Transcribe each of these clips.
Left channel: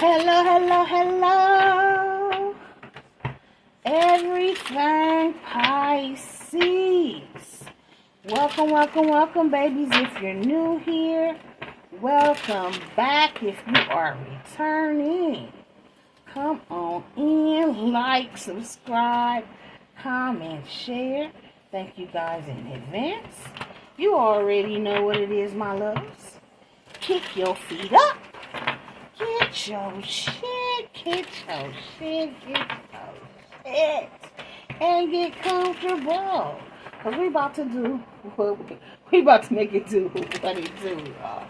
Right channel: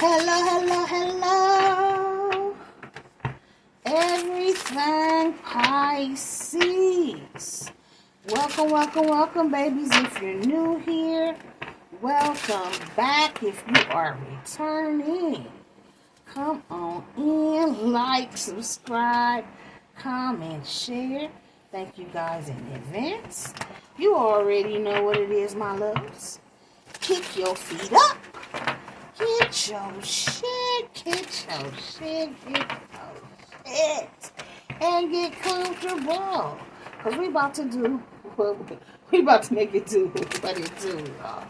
Hello, hello, hello. Everything Pisces. Welcome, welcome, welcome, babies. If you're new here, welcome back. If you are returning, come on in, like, subscribe, comment, share. Thank you guys in advance. You already know what it is, my loves. Kick your feet up. Get your shit, get your shit, and get comfortable. Because we about to do we about to make it do what it do, y'all.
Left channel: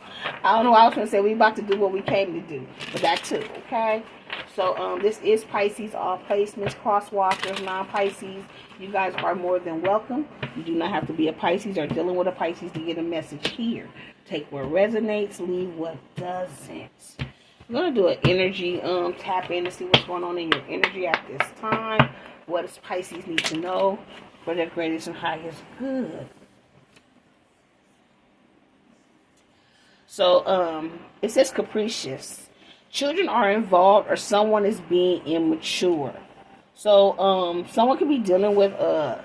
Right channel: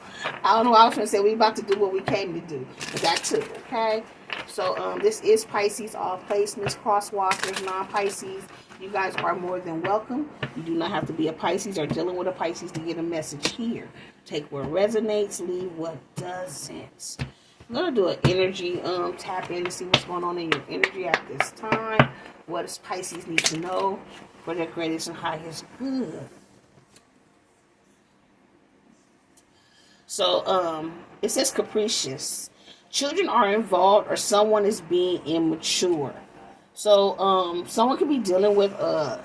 I don't know, I was going to say we about to do what we came to do, but that too, okay? So, this is Pisces, all placements, crosswalkers, non-Pisces. You guys are more than welcome. You do not have to be a Pisces or dealing with a Pisces to get a message here. Take what resonates, leave what doesn't. I'm going to do an energy tap in to see what's going on in your energy at this time. What does Pisces need to know for their greatest and highest good? So, it says capricious. Children are involved or someone is being immature. So, someone could be dealing with a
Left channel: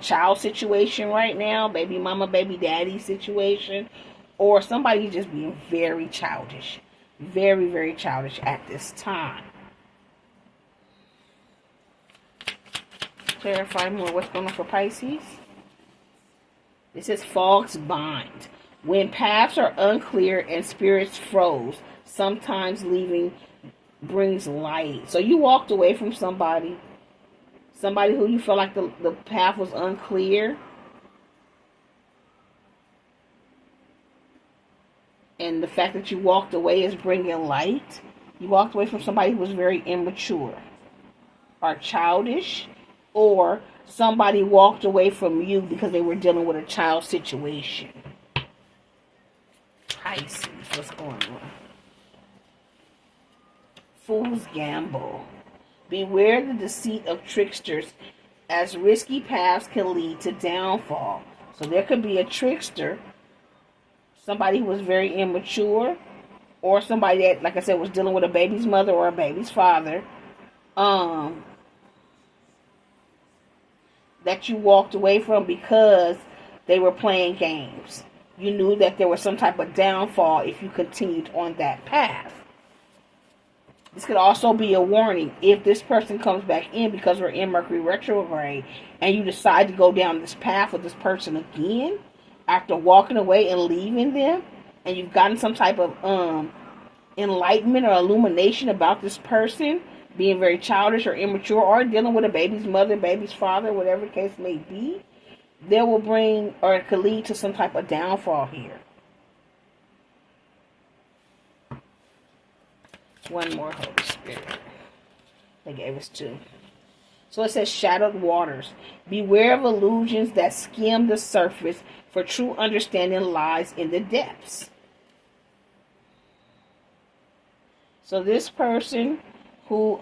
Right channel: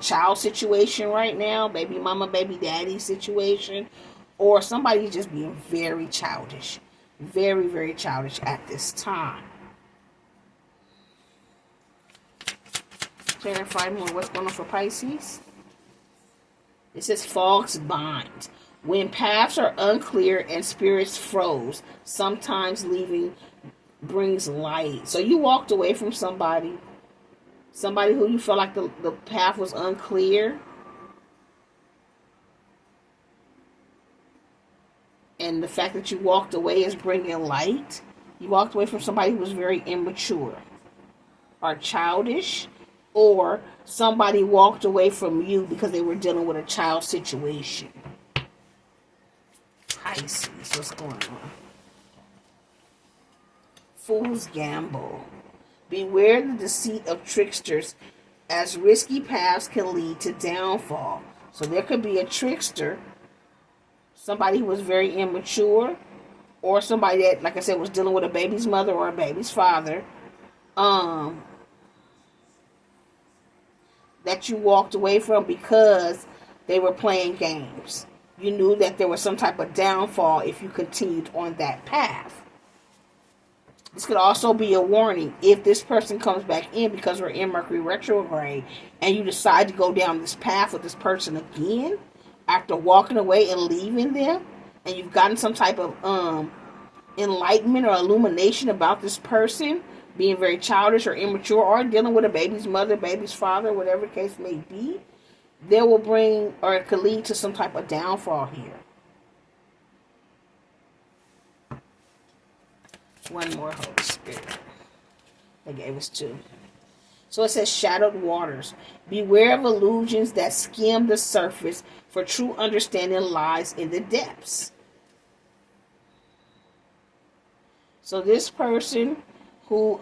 child situation right now. Baby mama, baby daddy situation. Or somebody just being very childish. Very, very childish at this time. Clarify more what's going on for Pisces. It says fogs bind. When paths are unclear and spirits froze, sometimes leaving brings light. So you walked away from somebody who you felt like the path was unclear. And the fact that you walked away is bringing light. You walked away from somebody who was very immature or childish, or somebody walked away from you because they were dealing with a child situation. Pisces, what's going on? Fool's gamble. Beware the deceit of tricksters, as risky paths can lead to downfall. So there could be a trickster, somebody who was very immature, or somebody that, like I said, was dealing with a baby's mother or a baby's father, that you walked away from because they were playing games. You knew that there was some type of downfall if you continued on that path. This could also be a warning if this person comes back in because we're in Mercury retrograde and you decide to go down this path with this person again after walking away and leaving them, and you've gotten some type of enlightenment or illumination about this person being very childish or immature or dealing with a baby's mother, baby's father, whatever the case may be, they will bring, or it could lead to some type of downfall here. One more, Holy Spirit. They gave us two. So it says shadowed waters. Beware of illusions that skim the surface, for true understanding lies in the depths. So this person who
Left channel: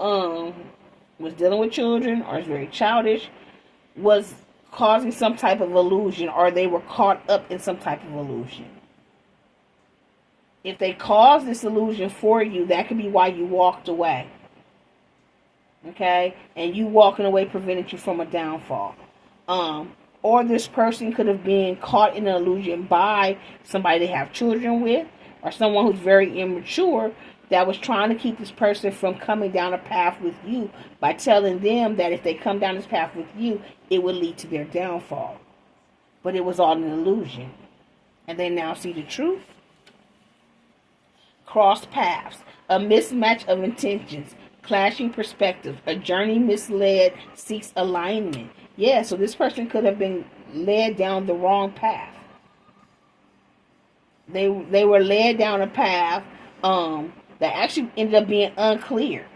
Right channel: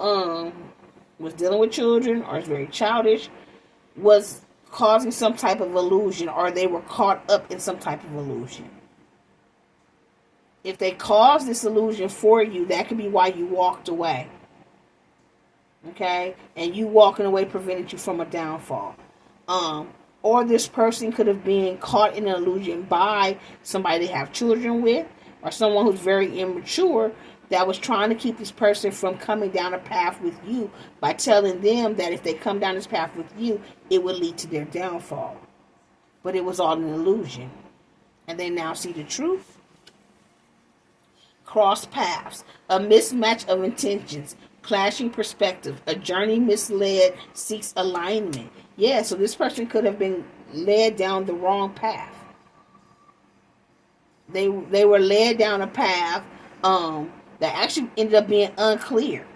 was dealing with children or is very childish was causing some type of illusion, or they were caught up in some type of illusion. If they caused this illusion for you, that could be why you walked away. Okay? And you walking away prevented you from a downfall. Or this person could have been caught in an illusion by somebody they have children with, or someone who's very immature that was trying to keep this person from coming down a path with you by telling them that if they come down this path with you, it would lead to their downfall. But it was all an illusion. And they now see the truth. Cross paths. A mismatch of intentions. Clashing perspectives. A journey misled seeks alignment. Yeah, so this person could have been led down the wrong path. They were led down a path that actually ended up being unclear.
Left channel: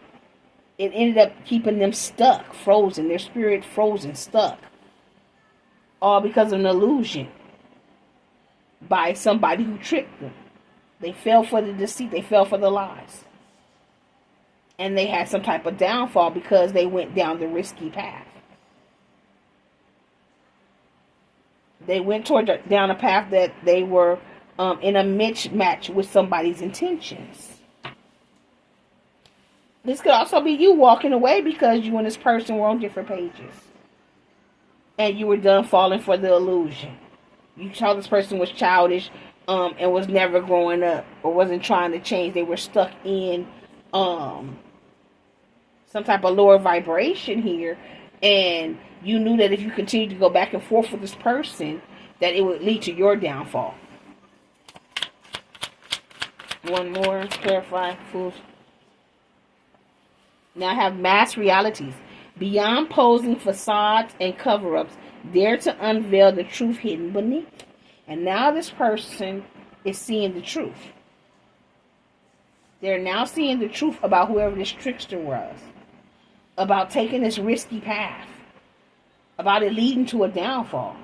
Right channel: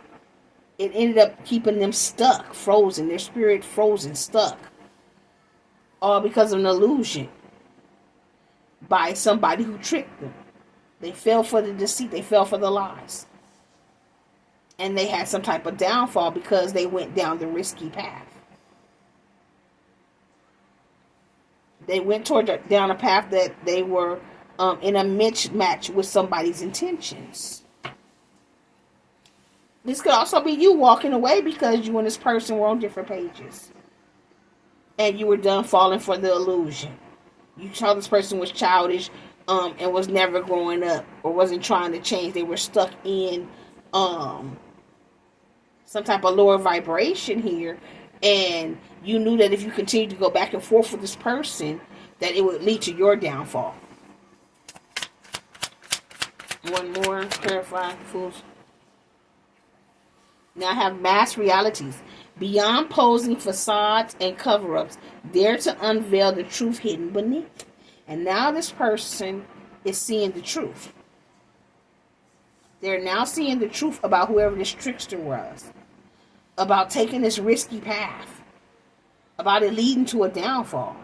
It ended up keeping them stuck, frozen, their spirit frozen, stuck. All because of an illusion by somebody who tricked them. They fell for the deceit, they fell for the lies. And they had some type of downfall because they went down the risky path. They went down a path that they were in a mismatch with somebody's intentions. This could also be you walking away because you and this person were on different pages. And you were done falling for the illusion. You saw this person was childish and was never growing up or wasn't trying to change. They were stuck in some type of lower vibration here. And you knew that if you continued to go back and forth with this person, that it would lead to your downfall. One more. Clarify. Fools. Now I have mass realities. Beyond posing facades and cover-ups, dare to unveil the truth hidden beneath. And now this person is seeing the truth. They're now seeing the truth about whoever this trickster was. About taking this risky path. About it leading to a downfall.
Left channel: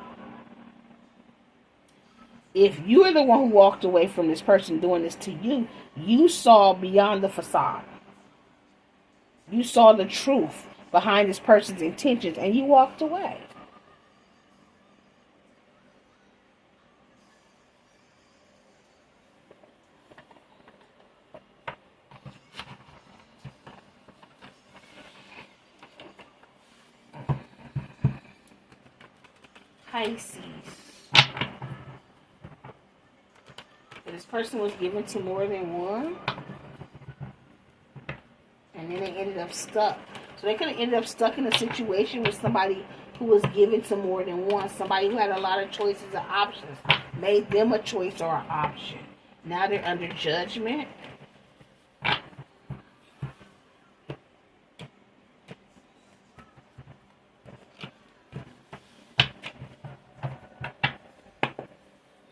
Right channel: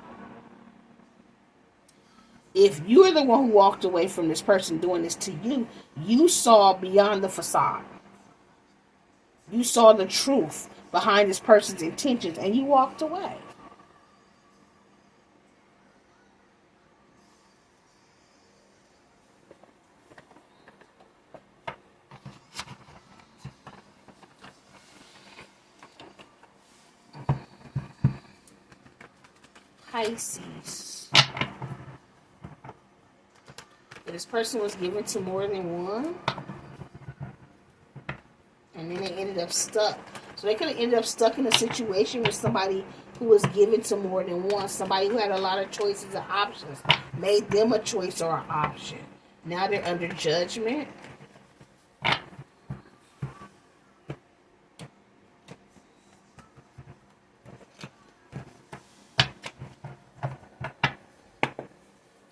If you are the one who walked away from this person doing this to you, you saw beyond the facade. You saw the truth behind this person's intentions and you walked away. Pisces. This person was given to more than one. And then they ended up stuck. So they could have ended up stuck in a situation with somebody who was given to more than one. Somebody who had a lot of choices and options. Made them a choice or an option. Now they're under judgment.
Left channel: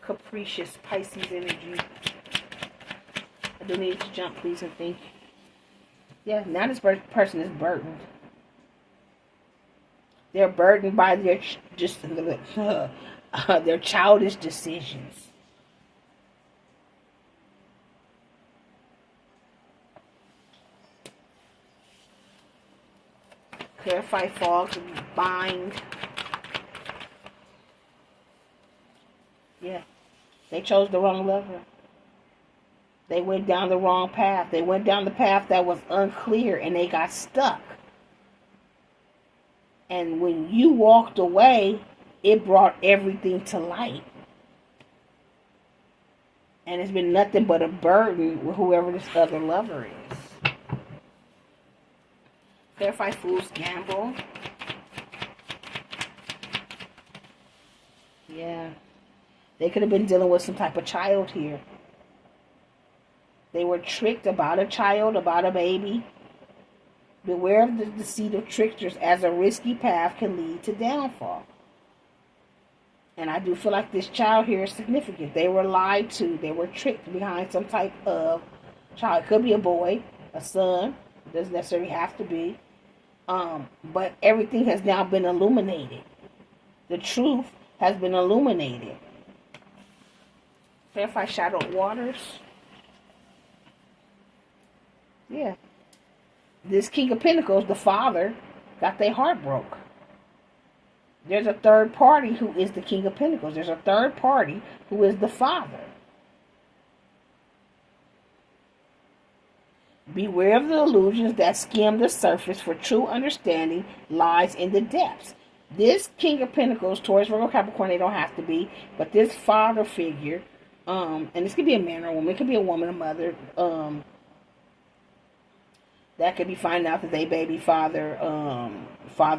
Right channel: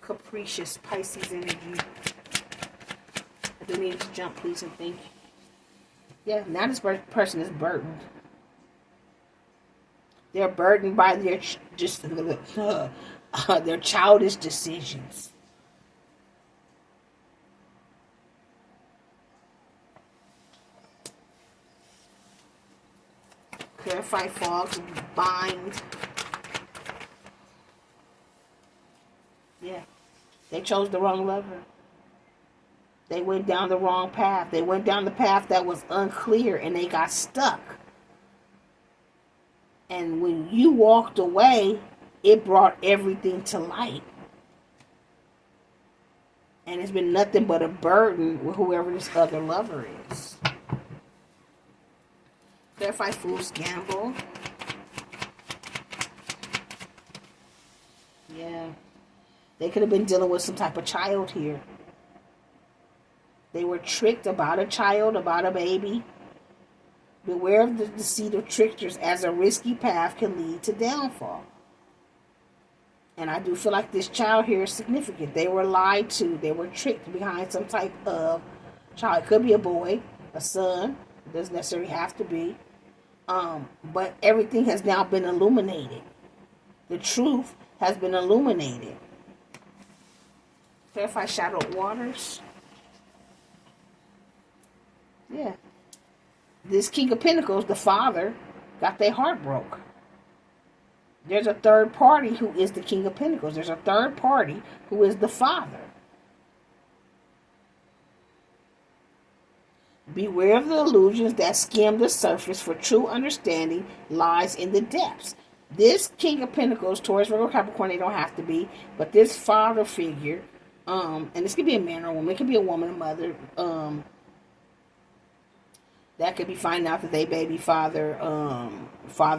Capricious Pisces energy. I do need to jump, please, and think. Yeah, now this person is burdened. They're burdened by their their childish decisions. Clarify, fog, bind. Yeah, they chose the wrong lover. They went down the wrong path. They went down the path that was unclear and they got stuck. And when you walked away, it brought everything to light. And it's been nothing but a burden with whoever this other lover is. Clarify, fools, gamble. Yeah. They could have been dealing with some type of child here. They were tricked about a child, about a baby. Beware of the deceit of tricksters, as a risky path can lead to downfall. And I do feel like this child here is significant. They were lied to. They were tricked behind some type of child. It could be a boy, a son. It doesn't necessarily have to be. But everything has now been illuminated. The truth has been illuminated. Clarify, shadowed waters. Yeah. This King of Pentacles, the father, got their heart broke. There's a third party who is the King of Pentacles. There's a third party who is the father. Beware of the illusions that skim the surface, for true understanding lies in the depths. This King of Pentacles, Taurus, Virgo, Capricorn, they don't have to be, but this father figure, and this could be a man or a woman, it could be a woman, a mother, that could be finding out that they baby father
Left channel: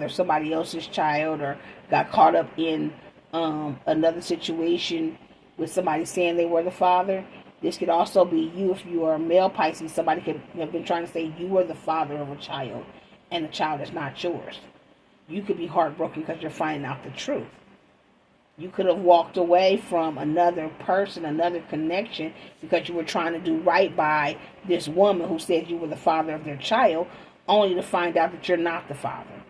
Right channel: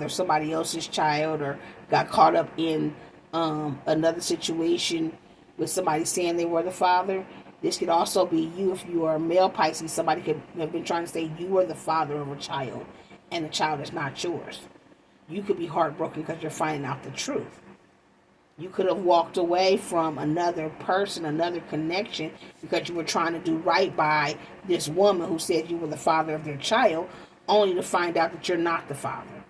somebody else's child, or got caught up in another situation with somebody saying they were the father. This could also be you if you are a male Pisces. Somebody could have been trying to say you were the father of a child and the child is not yours. You could be heartbroken because you're finding out the truth. You could have walked away from another person, another connection, because you were trying to do right by this woman who said you were the father of their child, only to find out that you're not the father.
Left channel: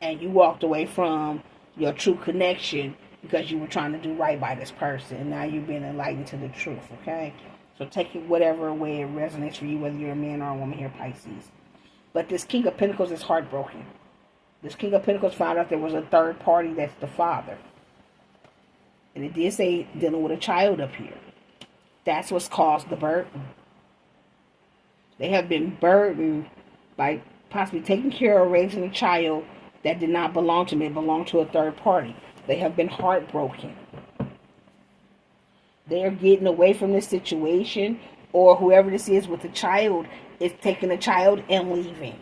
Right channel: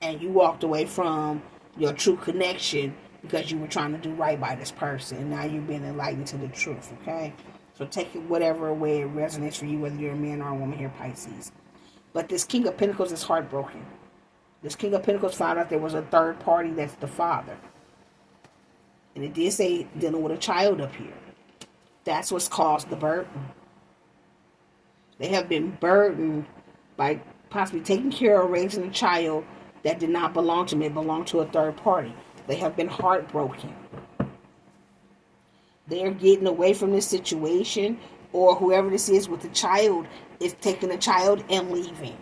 And you walked away from your true connection because you were trying to do right by this person. And now you've been enlightened to the truth, okay? So take it whatever way it resonates for you, whether you're a man or a woman here, Pisces. But this King of Pentacles is heartbroken. This King of Pentacles found out there was a third party that's the father. And it did say dealing with a child up here. That's what's caused the burden. They have been burdened by possibly taking care or raising a child that did not belong to them. It belonged to a third party. They have been heartbroken. They are getting away from this situation, or whoever this is with the child is taking the child and leaving.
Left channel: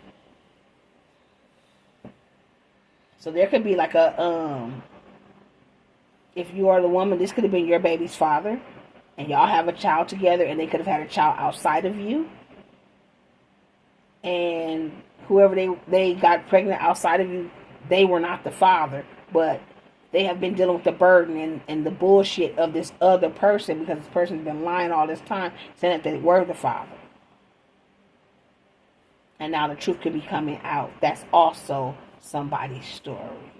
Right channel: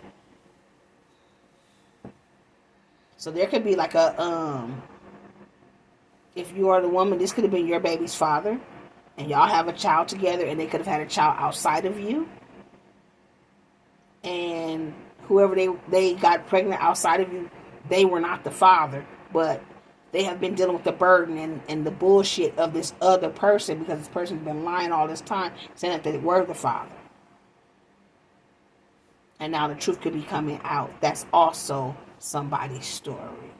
So there could be like a, if you are the woman, this could have been your baby's father, and y'all have a child together, and they could have had a child outside of you. And whoever they got pregnant outside of you, they were not the father, but they have been dealing with the burden and the bullshit of this other person, because this person's been lying all this time, saying that they were the father. And now the truth could be coming out. That's also somebody's story.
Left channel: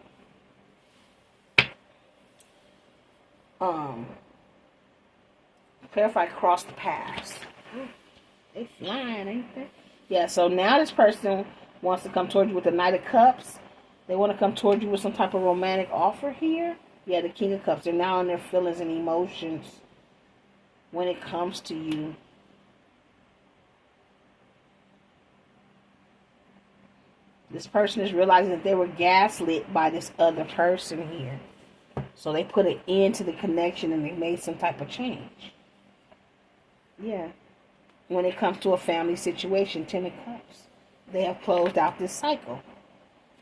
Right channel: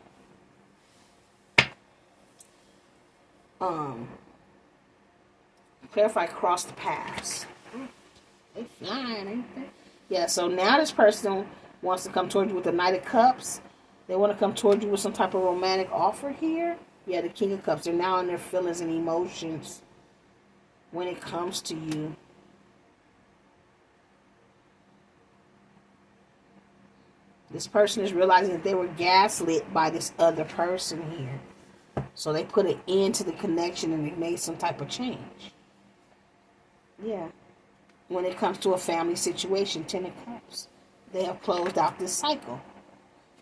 Clarify crossed paths. They flying, ain't they? Yeah, so now this person wants to come toward you with the Knight of Cups. They want to come toward you with some type of romantic offer here. Yeah, the King of Cups. They're now in their feelings and emotions when it comes to you. This person is realizing that they were gaslit by this other person here. So they put an end to the connection and they made some type of change. Yeah. When it comes to a family situation, 10 of Cups. They have closed out this cycle.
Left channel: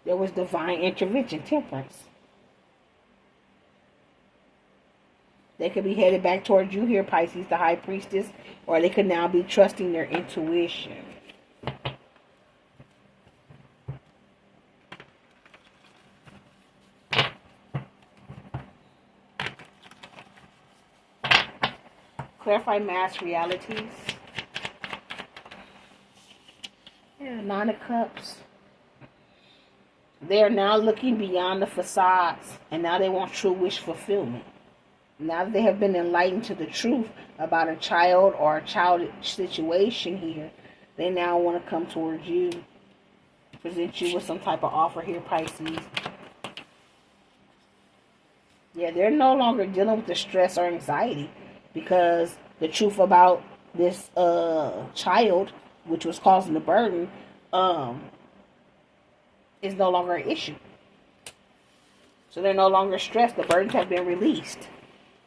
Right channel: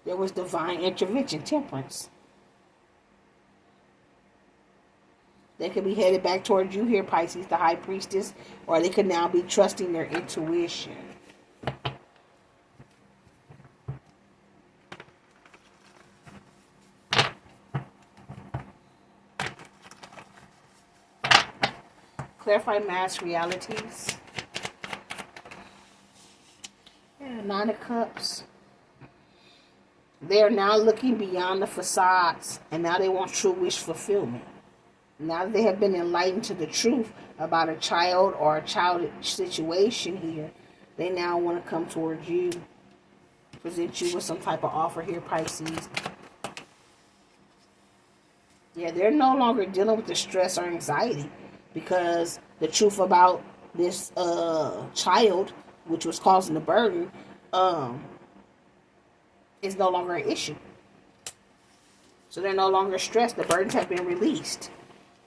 There was divine intervention, Temperance. They could be headed back towards you here, Pisces, the High Priestess, or they could now be trusting their intuition. Clarify mass realities. Yeah, 9 of Cups. They are now looking beyond the facades, and now they want true wish fulfillment. Now that they have been enlightened to the truth about a child or a child situation here, they now want to come towards you, present you with some type of offer here, Pisces. Yeah, they're no longer dealing with the stress or anxiety, because the truth about this child, which was causing the burden, is no longer an issue. So they're no longer stressed. The burdens have been released.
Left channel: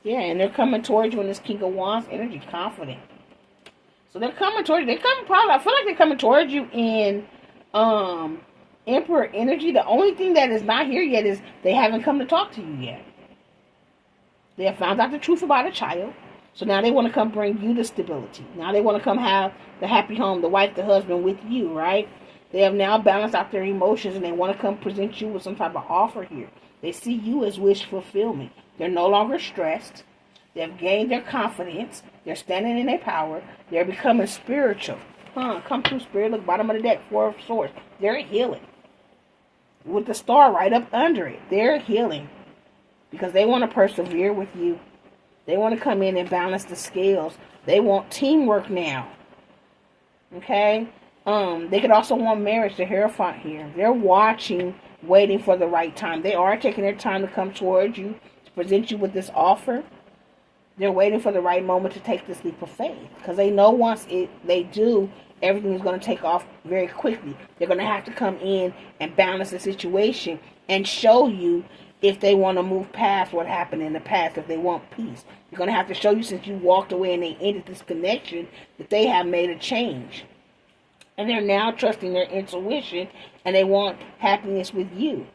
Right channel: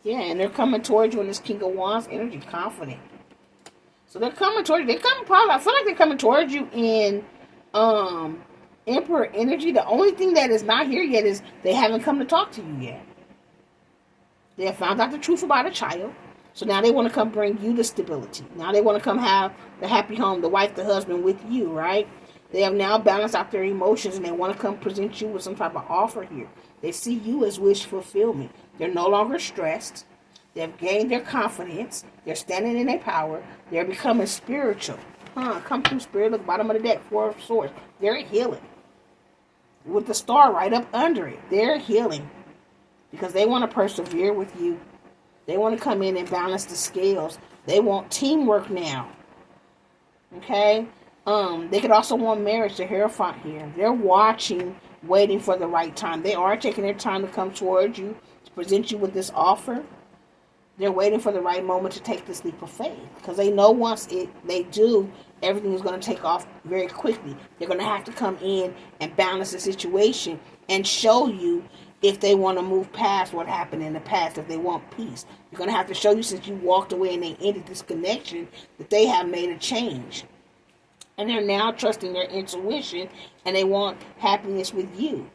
Yeah, and they're coming towards you in this King of Wands energy, confident. So they're coming towards you. I feel like they're coming towards you in Emperor energy. The only thing that is not here yet is they haven't come to talk to you yet. They have found out the truth about a child. So now they want to come bring you the stability. Now they want to come have the happy home, the wife, the husband with you, right? They have now balanced out their emotions, and they want to come present you with some type of offer here. They see you as wish fulfillment. They're no longer stressed. They have gained their confidence. They're standing in their power. They're becoming spiritual. Come through spirit, look, bottom of the deck, 4 of Swords. They're healing. With the star right up under it. They're healing. Because they want to persevere with you. They want to come in and balance the scales. They want teamwork now. Okay? They could also want marriage, the Hierophant here. They're watching, waiting for the right time. They are taking their time to come towards you, to present you with this offer. They're waiting for the right moment to take this leap of faith. Because they know once they do, everything is going to take off very quickly. They're going to have to come in and balance the situation and show you if they want to move past what happened in the past, if they want peace. They're going to have to show you, since you walked away and they ended this connection, that they have made a change. And they're now trusting their intuition, and they want happiness with you.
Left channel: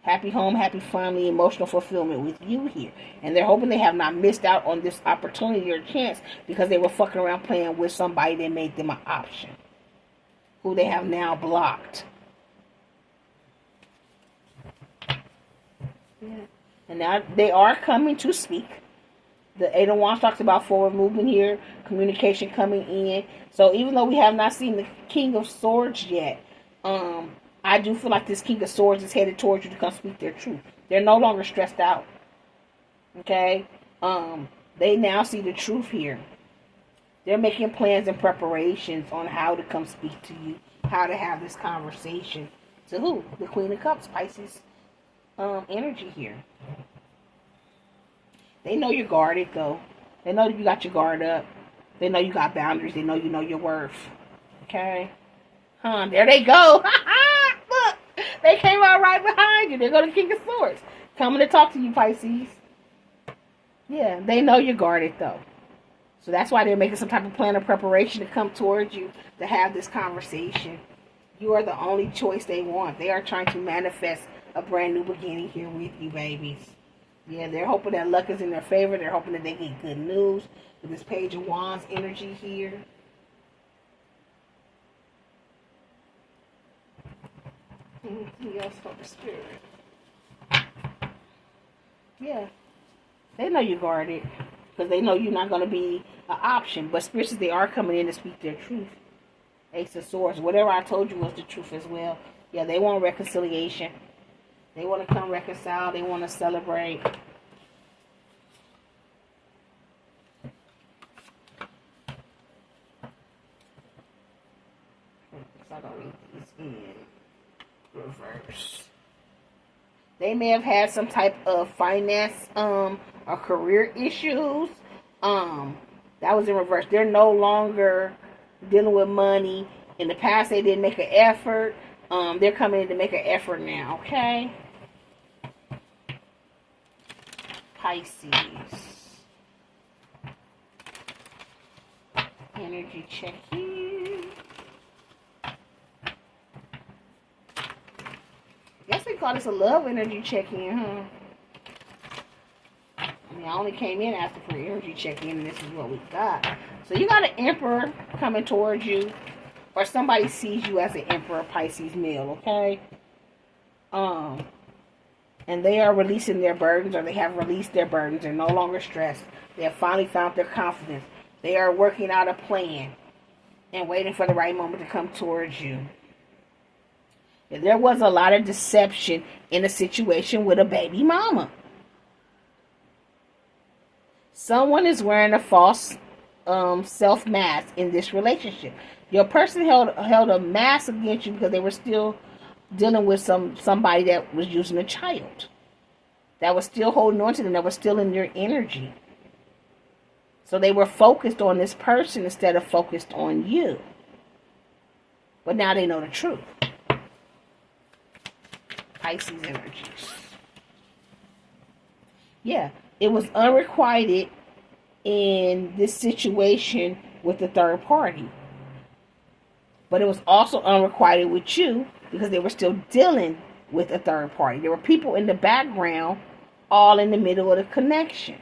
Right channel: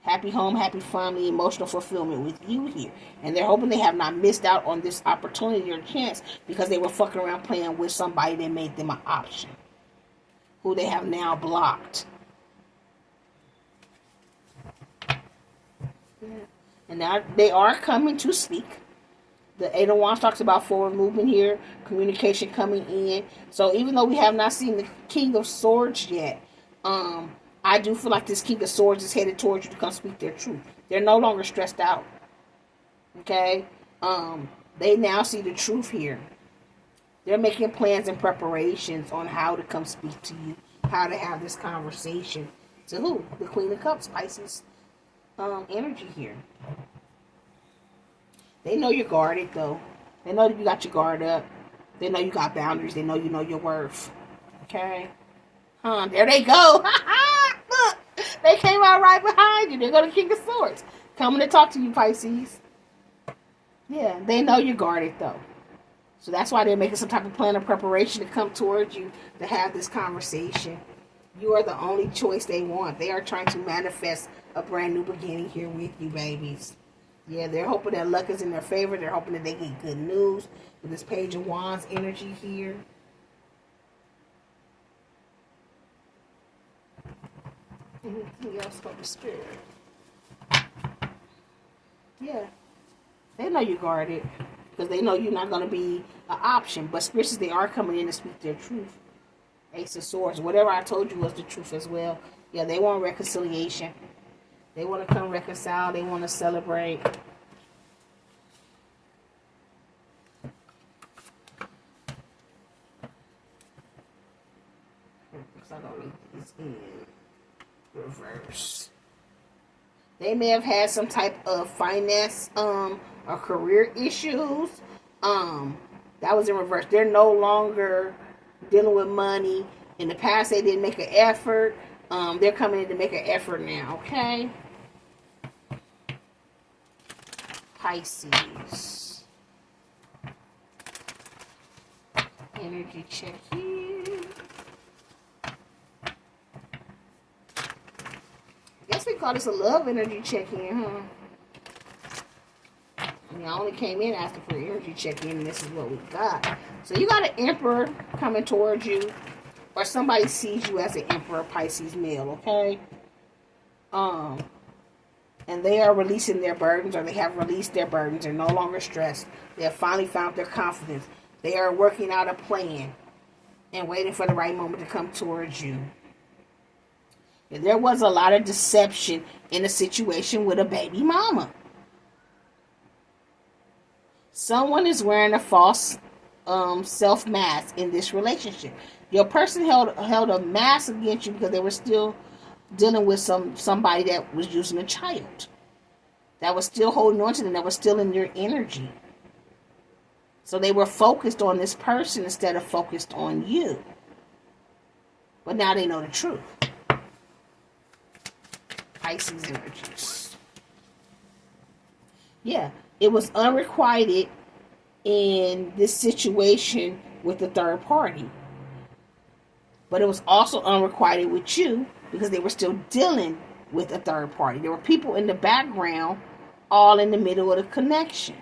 Happy home, happy family, emotional fulfillment with you here. And they're hoping they have not missed out on this opportunity or chance because they were fucking around playing with somebody that made them an option, who they have now blocked. Yeah. And now they are coming to speak. The 8 of Wands talks about forward movement here, communication coming in. So even though we have not seen the King of Swords yet, I do feel like this King of Swords is headed towards you to come speak their truth. They're no longer stressed out. Okay? They now see the truth here. They're making plans and preparations on how to come speak to you, how to have this conversation. To who? The Queen of Cups, Pisces energy here. They know you're guarded, though. They know that you got your guard up. They know you got boundaries. They know you know your worth. Okay? Huh, there they go. Look, they came out right behind you. They're going to King of Swords. Coming to talk to you, Pisces. Yeah, they know you're guarded, though. So that's why they're making some type of plan of preparation to come towards you to have this conversation. You are the only choice they want. They are trying to manifest a brand new beginning here with you, babies. Yeah, they're hoping that luck is in their favor. They're hoping that they get good news with this Page of Wands energy here. Anything else from the spirit? Yeah. They know you're guarded because they know you're not going to be an option. But spirits, they are coming in to speak their truth. Ace of Swords. Whatever I told you was the truth as well. Yeah, they want reconciliation. They want to come reconcile. They want to celebrate. I don't read these in reverse. They may have had some type of finance or career issues. That was in reverse. They're no longer dealing with money. In the past, they didn't make an effort. They're coming in to make an effort now, okay? Pisces. Energy check here. Guess we call this a love energy check-in, huh? I mean, I only came in asking for energy check-in, and this is what we got. So you got an Emperor coming towards you, or somebody sees you as an Emperor, Pisces male, okay? And they are releasing their burdens, or they have released their burdens. They're no longer stressed. They have finally found their confidence. They are working out a plan and waiting for the right moment to come towards you. There was a lot of deception in a situation with a baby mama. Someone is wearing a false self mask in this relationship. Your person held a mask against you because they were still dealing with somebody that was using a child. That was still holding on to them. That was still in their energy. So they were focused on this person instead of focused on you. But now they know the truth. Pisces energies. Yeah, it was unrequited in this situation with the third party. But it was also unrequited with you because they were still dealing with a third party. There were people in the background all in the middle of the connection.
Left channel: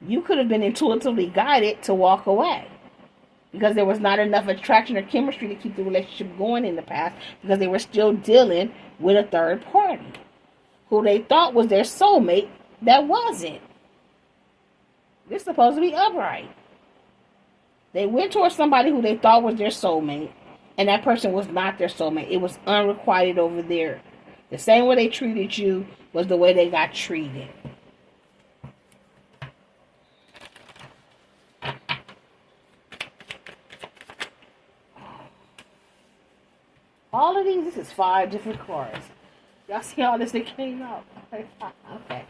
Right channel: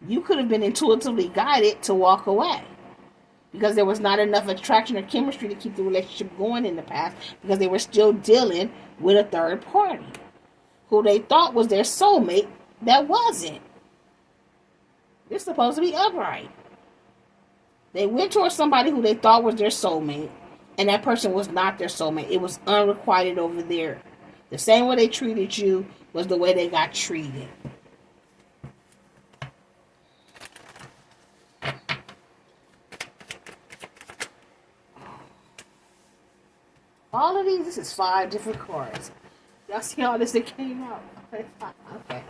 You could have been intuitively guided to walk away because there was not enough attraction or chemistry to keep the relationship going in the past because they were still dealing with a third party who they thought was their soulmate that wasn't. They're supposed to be upright. They went towards somebody who they thought was their soulmate, and that person was not their soulmate. It was unrequited over there. The same way they treated you was the way they got treated. All of these, this is 5 different cards. Y'all see all this that came out? Okay.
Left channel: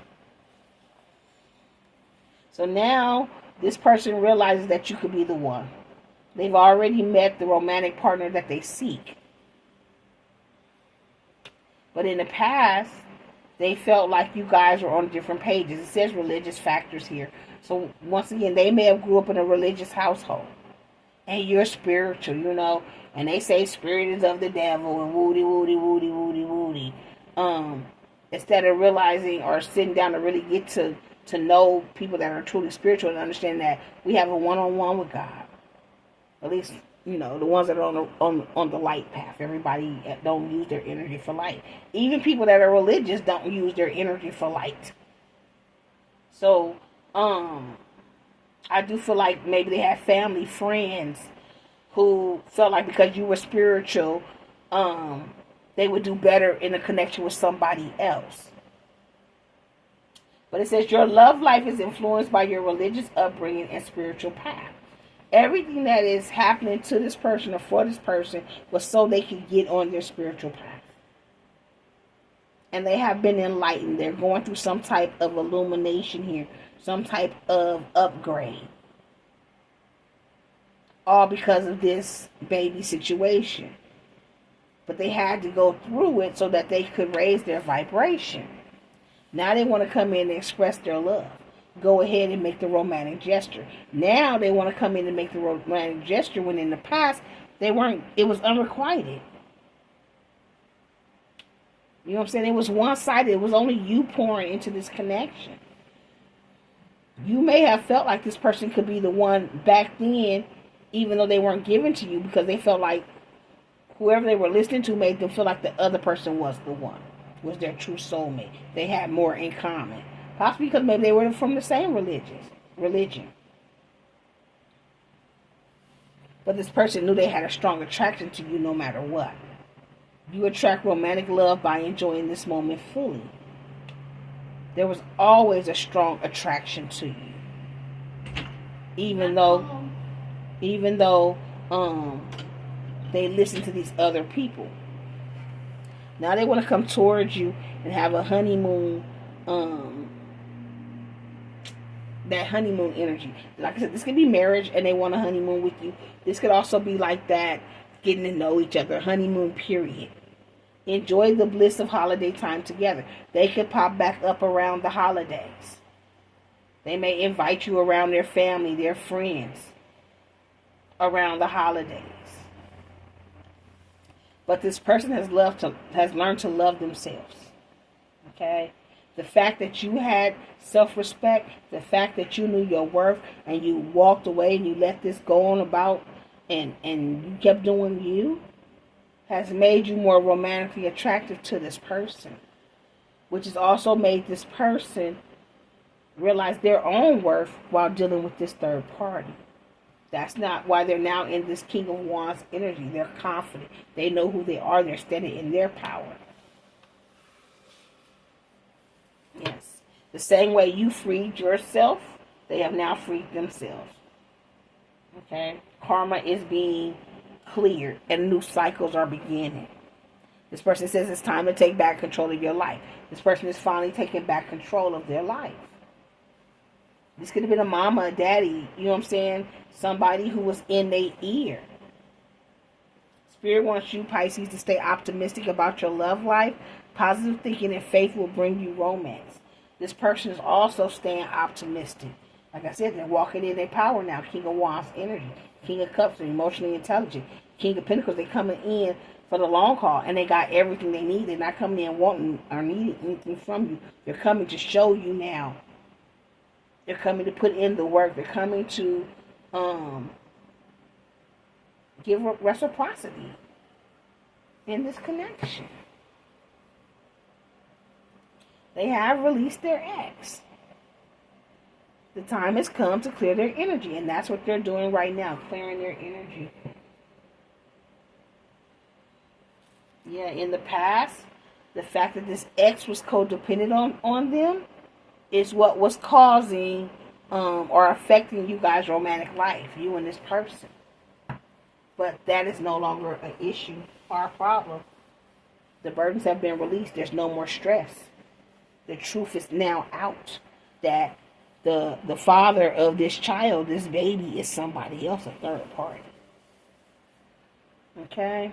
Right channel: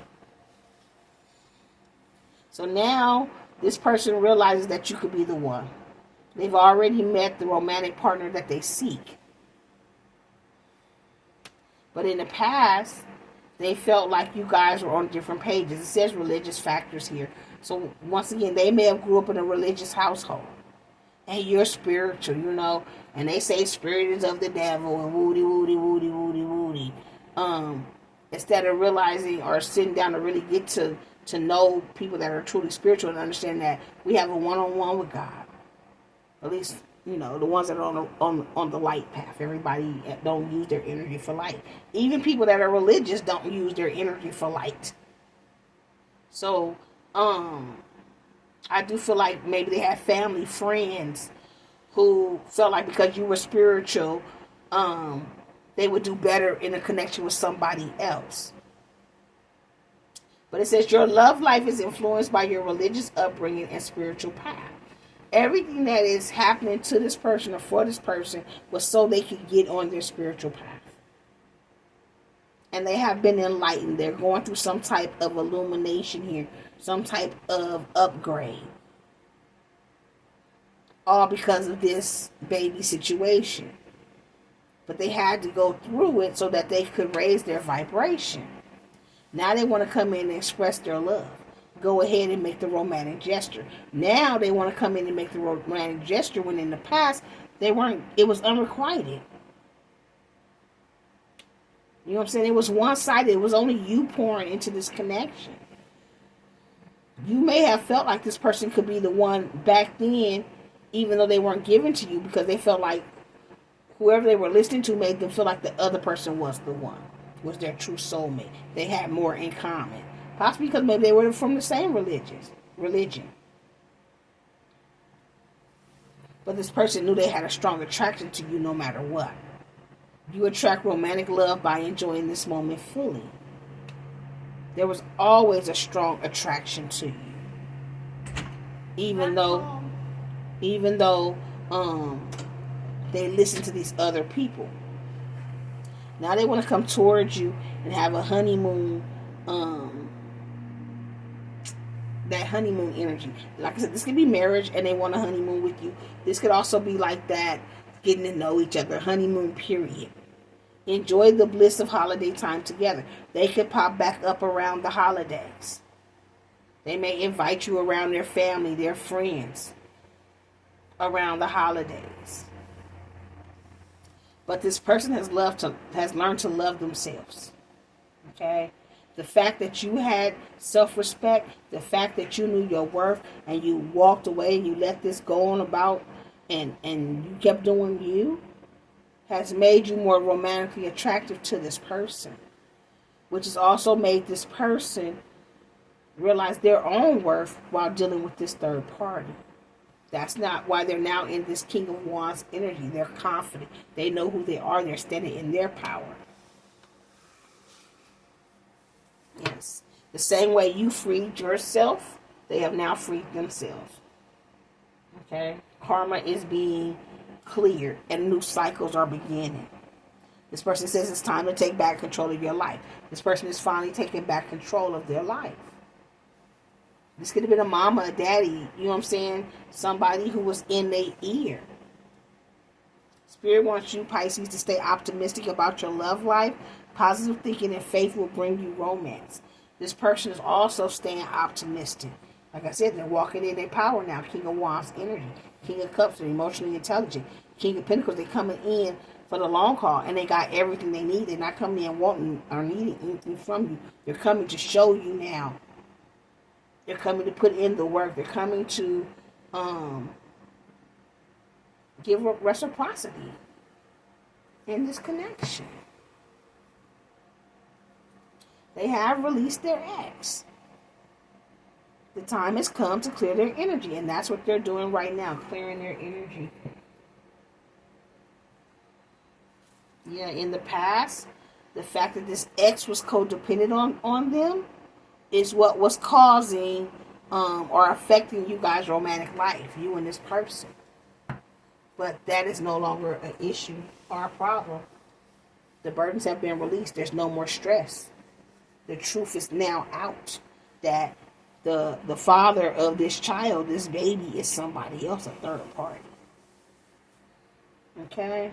So now, this person realizes that you could be the one. They've already met the romantic partner that they seek. But in the past, they felt like you guys were on different pages. It says religious factors here. So once again, they may have grew up in a religious household. And you're spiritual, you know. And they say spirit is of the devil and woody, woody, woody, woody, woody. Instead of realizing or sitting down to really get to know people that are truly spiritual and understand that we have a one-on-one with God. At least, you know, the ones that are on the light path. Everybody don't use their energy for light. Even people that are religious don't use their energy for light. So, I do feel like maybe they have family, friends who felt like because you were spiritual, they would do better in a connection with somebody else. But it says your love life is influenced by your religious upbringing and spiritual path. Everything that is happening to this person or for this person was so they could get on their spiritual path. And they have been enlightened. They're going through some type of illumination here. Some type of upgrade. all because of this baby situation. But they had to go through it so that they could raise their vibration. Now they want to come in and express their love. Go ahead and make the romantic gesture. Now they want to come in and make the romantic gesture when in the past they weren't. It was unrequited. You know what I'm saying? It was one-sided. It was only you pouring into this connection. You may have felt like this person could be the one back then, even though they weren't given to you, because they felt like whoever they were listening to made them feel like the other person was the one, was their true soulmate. They had more in common. Possibly because maybe they were from the same religion. But this person knew they had a strong attraction to you no matter what. You attract romantic love by enjoying this moment fully. There was always a strong attraction to you. Even though they listen to these other people. Now they want to come towards you and have a honeymoon, that honeymoon energy. Like I said, this could be marriage and they want a honeymoon with you. This could also be like that, getting to know each other, honeymoon period. Enjoy the bliss of holiday time together. They could pop back up around the holidays. They may invite you around their family, their friends, around the holidays. But this person has learned to love themselves. Okay? The fact that you had self-respect, the fact that you knew your worth and you walked away and you let this go on about and you kept doing you, has made you more romantically attractive to this person, which has also made this person realize their own worth while dealing with this third party. That's not why they're now in this King of Wands energy. They're confident. They know who they are. They're standing in their power. Yes. The same way you freed yourself, they have now freed themselves. Okay? Karma is being cleared and new cycles are beginning. This person says it's time to take back control of your life. This person is finally taking back control of their life. This could have been a mama, a daddy, you know what I'm saying? Somebody who was in their ear. Spirit wants you, Pisces, to stay optimistic about your love life. Positive thinking and faith will bring you romance. This person is also staying optimistic. Like I said, they're walking in their power now. King of Wands energy. King of Cups, they're emotionally intelligent. King of Pentacles, they're coming in for the long haul. And they got everything they need. They're not coming in wanting or needing anything from you. They're coming to show you now. They're coming to put in the work. They're coming to give reciprocity in this connection. They have released their ex. The time has come to clear their energy, and that's what they're doing right now, clearing their energy. Yeah, in the past, the fact that this ex was codependent on them is what was causing or affecting you guys' romantic life, you and this person. But that is no longer an issue or a problem. The burdens have been released. There's no more stress. The truth is now out that the father of this child, this baby, is somebody else, a third party. Okay?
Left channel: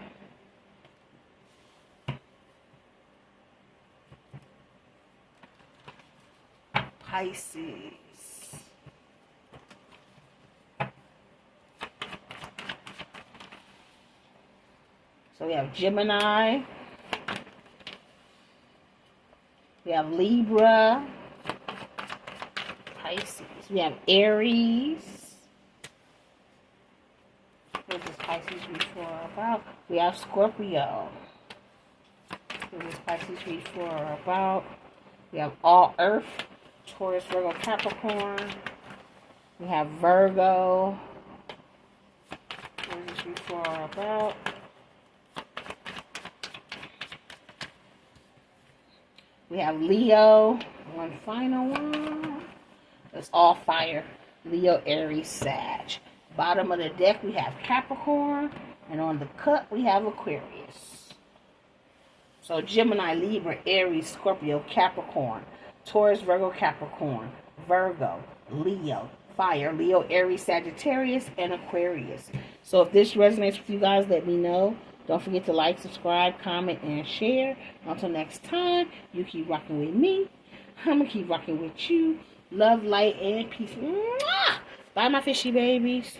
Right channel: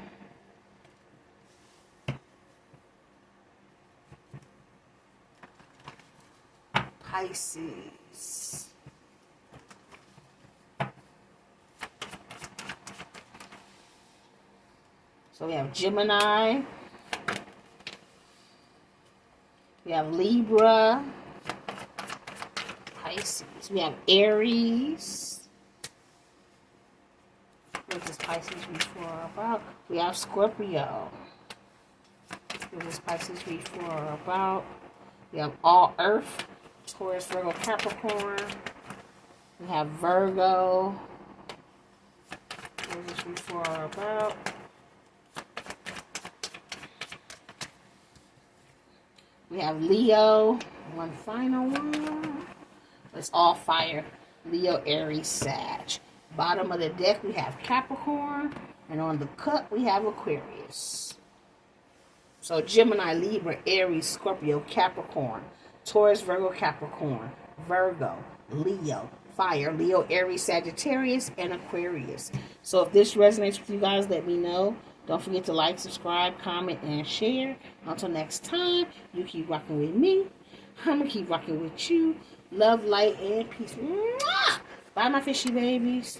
Pisces. So we have Gemini. We have Libra. Pisces. We have Aries. What does Pisces read for about? We have Scorpio. What does Pisces read for about? We have all Earth. Taurus, Virgo, Capricorn. We have Virgo. What does this read for about? We have Leo. One final one. It's all fire. Leo, Aries, Sag. Bottom of the deck, we have Capricorn. And on the cut, we have Aquarius. So Gemini, Libra, Aries, Scorpio, Capricorn. Taurus, Virgo, Capricorn. Virgo, Leo, fire. Leo, Aries, Sagittarius, and Aquarius. So if this resonates with you guys, let me know. Don't forget to like, subscribe, comment, and share. Until next time, you keep rocking with me. I'm going to keep rocking with you. Love, light, and peace. Mwah! Bye, my fishy babies.